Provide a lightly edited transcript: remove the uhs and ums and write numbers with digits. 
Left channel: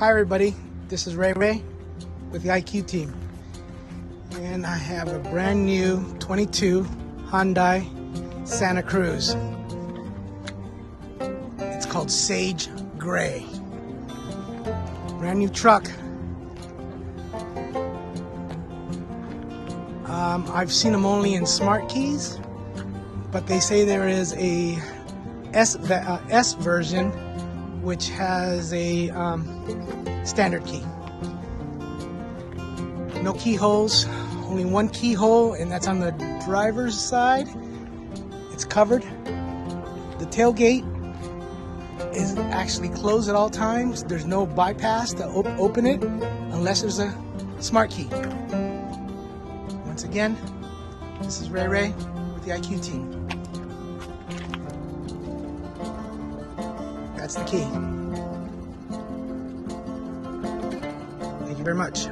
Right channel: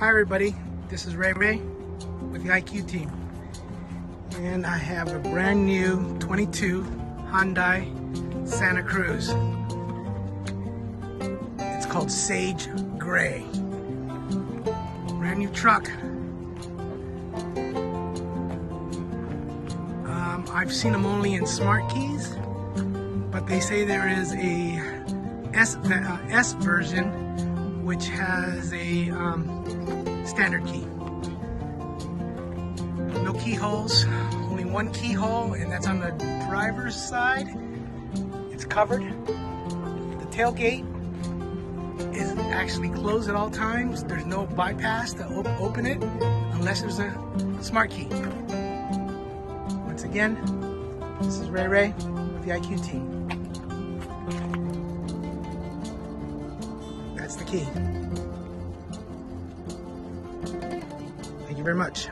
Hi everybody, this is Ray with the IQ team, and I have a brand new 22 Hyundai Santa Cruz. It's called Sage Gray. Brand new truck. I've seen them only in smart keys, but they say there is a S version which has a standard key. No keyholes, only one keyhole, and that's on the driver's side. It's covered. The tailgate is actually closed at all times. There's no bypass to open it unless there's a smart key. Once again, this is Ray with the IQ team. That's the key. Thank you very much.